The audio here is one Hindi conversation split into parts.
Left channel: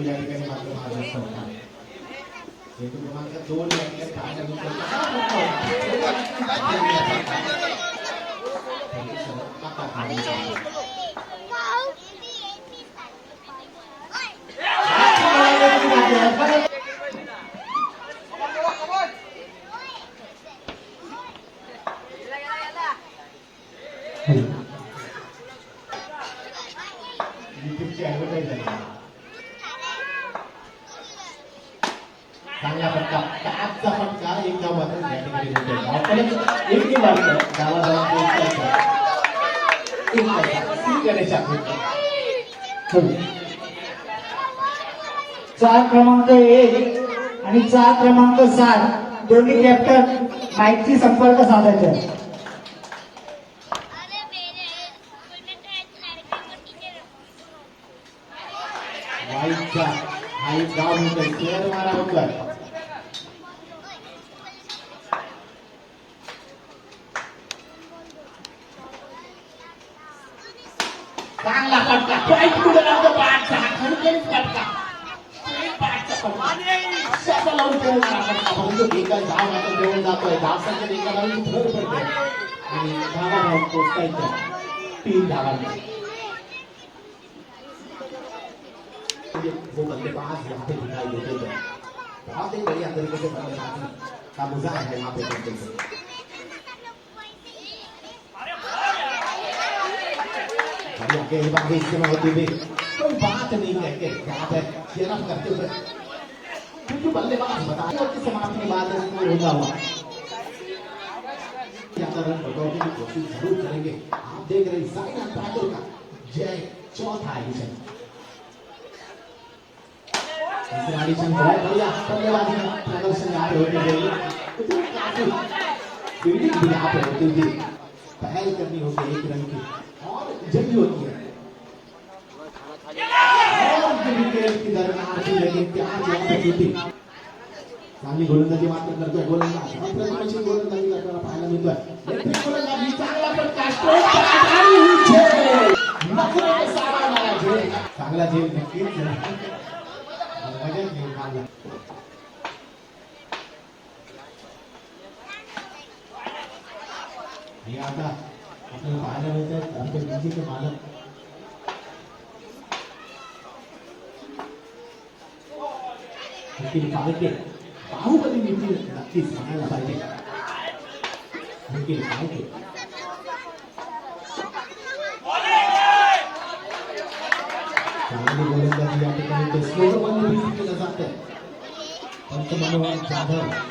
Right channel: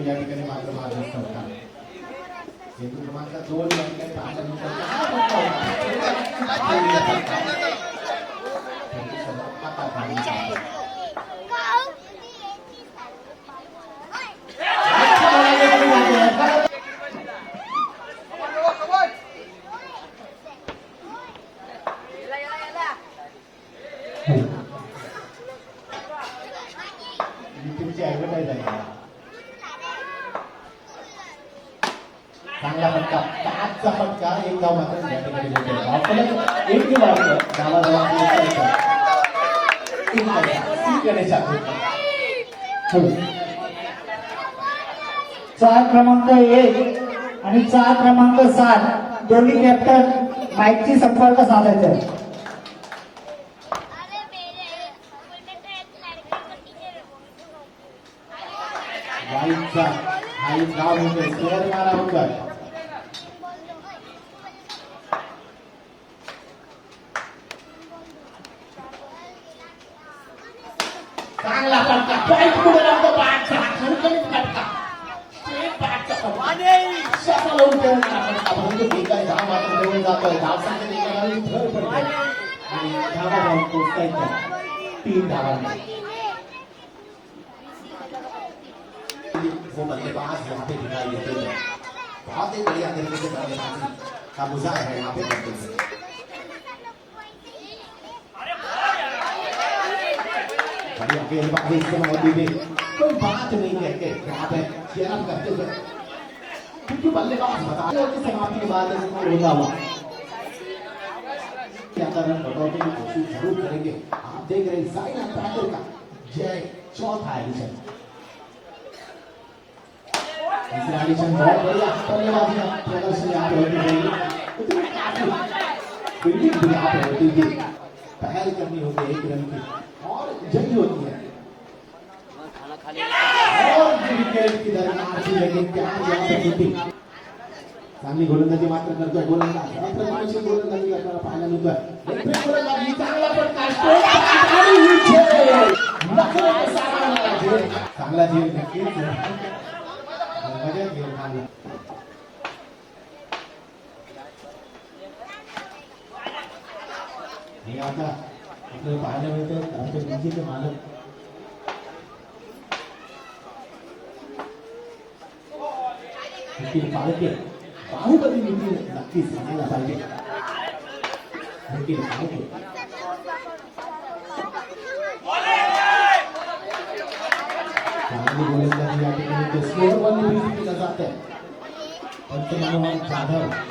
या ठिकाणी मात्र महाराष्ट्र होता चेंडू क्रमांक दोन या ठिकाणी चार क्रमांक एक आणि चार क्रमांक सात. दोन्ही कॅप्टन माईकची संपर्क साधायचे माईकचा माईक गाव मुंबई शहर मारा मुंबई फटका सफल होऊन खेळणारा फटका परंतु एका धाव मात्र जवळ जातोय धाव संख्येत एका भर पडते आणि धावा धाव पोचतायच्या तीन धावांनी वो बल्लेबाज यहाँ पे दिखाई देते हैं। बहुत ही बढ़िया तरीके से बल्लेबाजी का मुजाहिरा है यहाँ पे करते हुए बढ़िया गेंदबाजी होती भी कोई बात नहीं है कि यहाँ पे चेयरअप करते हुए क्योंकि बल्लेबाज बता रहे कि समाप्ति के बाद होगा हुआ क्या रन बढ़ोतरी की कोशिश ज़रूर करेंगे आप देख रहे हैं साइना पैटर्न का जय चौथा एडिशन तीसरा एडिशन बहुत बढ़िया बल्लेबाजी का प्रदर्शन यहाँ पे होती रहेगी फील्डिंग भी यहाँ पे होती थी पहल करनी होती एक रन की और जल्दी होती है और जो विकेट की दरमियान थी लेकिन क्या यहाँ पे होती चांगली गोलंदाजी मात्र करतोय गोलंदाज अप्रतिमाची गोलंदाजी करताना पाहायला मिळतं लेफ्ट गोलंदाजी चांगला फटका स्ट्रोक आणि उछेल. नकळत सामना झेल. चांगला झेल नक्कीच लगेच झेल हे। आपल्याला पाहायला मिळतं आमच्या विजेचे मालक निखिल बाहुबली निखिल नक्कीच सांगायला पाहिजे निखिल पंतप्रधान Jadhav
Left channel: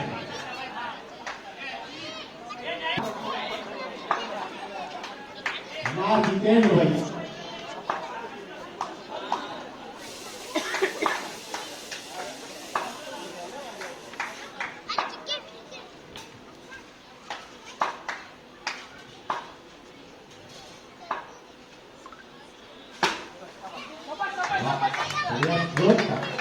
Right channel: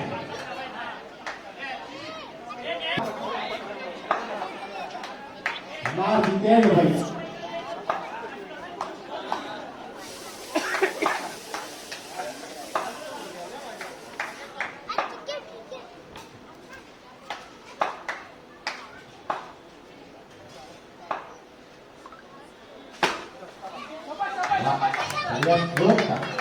Marque Kennedy. mais boa.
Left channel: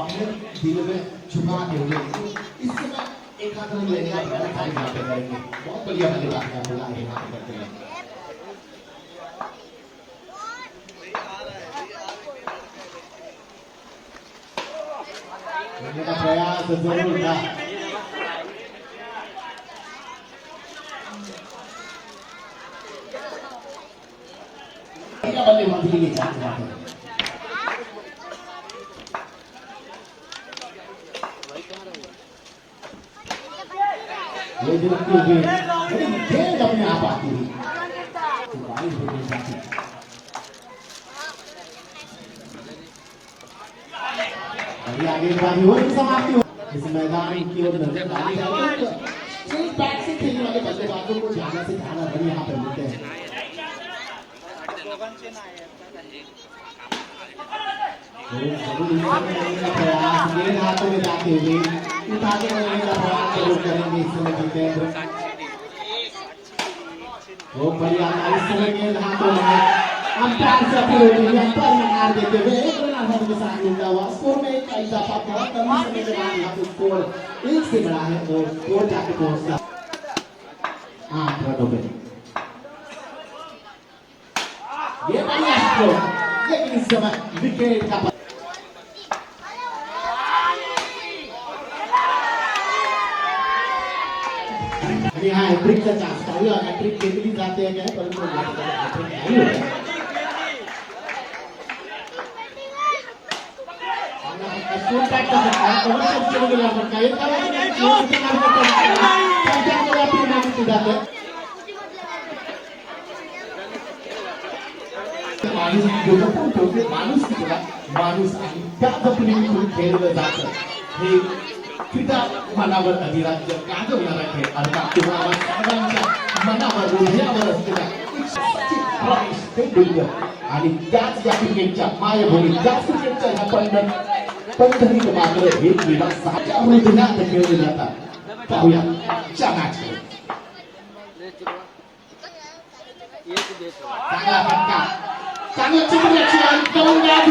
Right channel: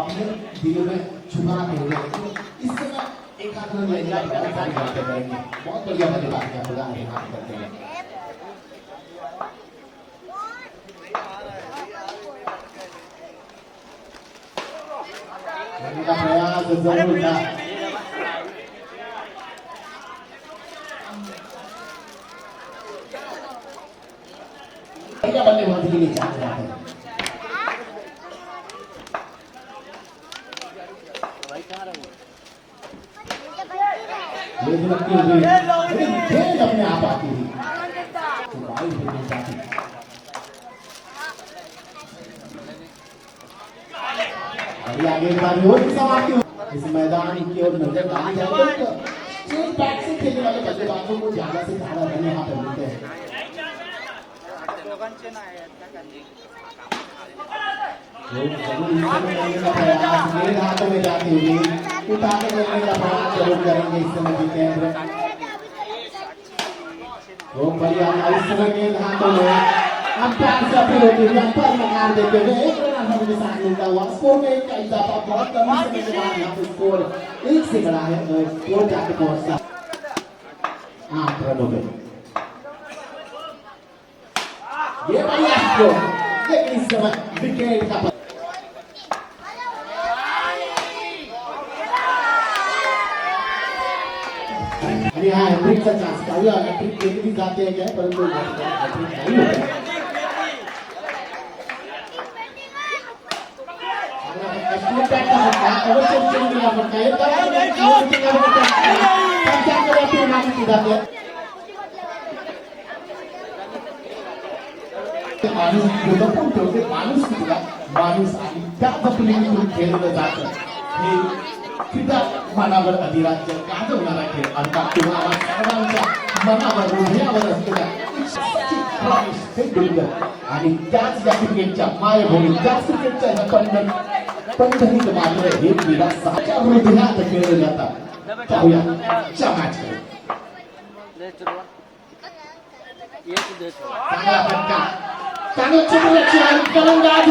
अपने दिल में छुपा देंगे तो इससे समय एक आध रन लेने का बहुत सारी बातें करेंगे बहुत बढ़िया बल्लेबाजी बात प्रदान यहाँ बात करते हैं। प्रयास ज़रूर था नहीं चाहते यहाँ पर ये जो लगती हुई अपने आप आती होनी चाहती बढ़िया गेंदबाजी हो समाप्ति हो। इस मैदान की ओर नज़र डाली जाए तो स्ट्रेट बैट से खेलने वाले बल्लेबाजों को ज़्यादा से ज़्यादा रन यहाँ पर मिलते हैं प्रयास गेंद हाथों में जाते हुए उठा के का प्रयास ज़रूर करेंगे इस समय जितेंद्र बहुत बढ़िया इस समय गेंद हाथों में अंपायर से अपील होती है अंपायर में मार देते हुए एक रन आसानी के साथ मिलता हुआ स्कोर में एक का इजाफा बहुत कम समय के बाद यहाँ पे स्कोर एक से बड़ा है और स्कोर जाके पहुँचता आठ रनों पे ये बढ़िया स्ट्रोक लेकिन इस समय विकेट का अरे हाँ हैट्रिक का चांस था या हैट्रिक खेल भी जाते हैं क्या परंतु हैट्रिक नहीं होता स्कूल पैक का सकता है अगर से चीज़ मिला सकता है तब तक चीज़ मिला सकता है पंचायत में अपनी मांग की जाते हैं माणूस ठेवते माणूस तुला माणूस आणि त्या पद्धतीने खेळलं जातं हे क्रीडा मनावर अधिराज्य गाजवणारा खेळ अर्थात तुम्हाला सर्वांच्या मनावर हृदयावर असलेल्या आणि त्याच या क्रिकेटच्या मायभूमी त्याच क्रिकेटच्या या पंढर मात्र हे क्रीडा साच्या हृदयात खेळले जातात. पाहूया चांगला फटका. चांगलं चित्ररक्षण फलंदाज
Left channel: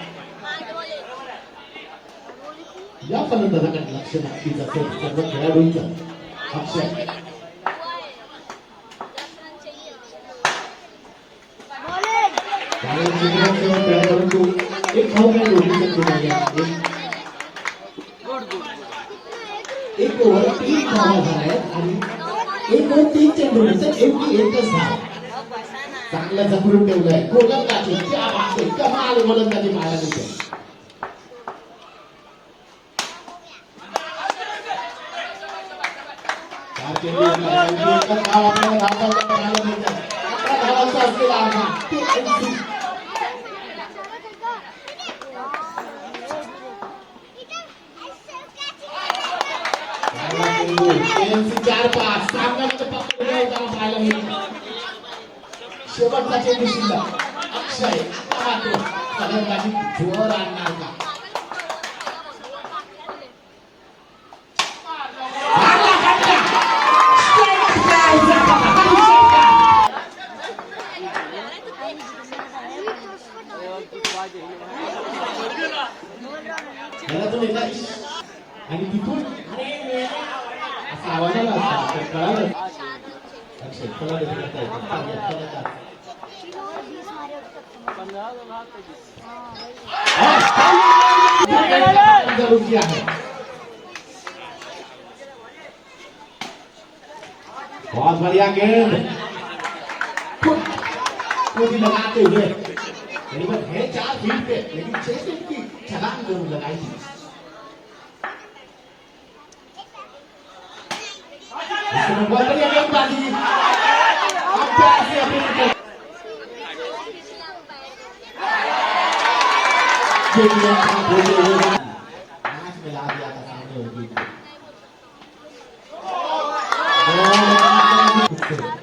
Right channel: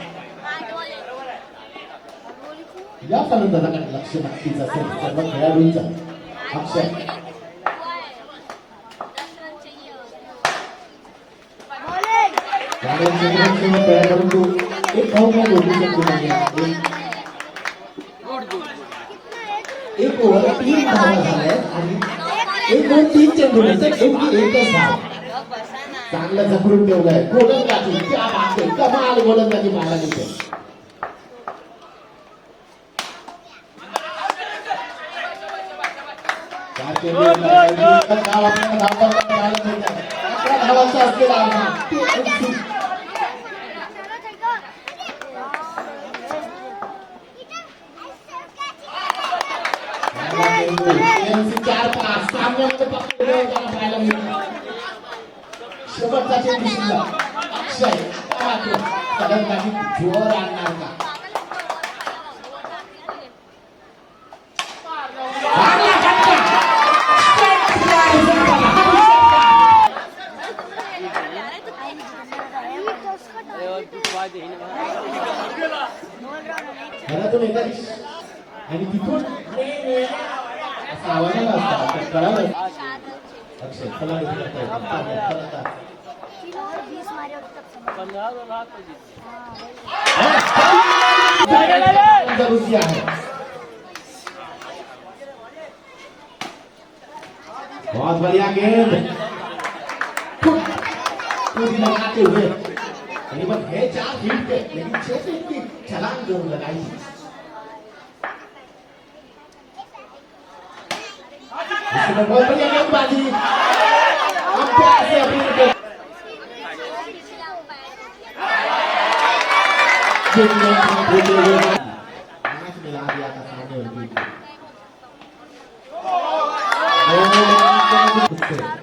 या फलंदाजाकडे लक्ष नक्कीच असेल? सर्व खेळाडूंचं. अक्षय. परंतु एक धाव एक- ओव्हर तीन धावा झाल्या आणि एक ओव्हर तीन एकच धाव. चांगलं जखडून गोलंदाजी कमाल. गोलंदाजी मारायला चार पाच सामन्याचं पात्र आपल्याला पाहायला मिळतं. शेवटचा चेंडू शिल्लक अक्षय मात्र फलंदाजी जोर आणणार का बहुत बढ़िया गेंद। लगाते हुए। करीबन है चार फीट पे, लेकिन छह फीट की छलांग ज़रूर लगाई बहुत बढ़िया गेंदबाजी Thank you.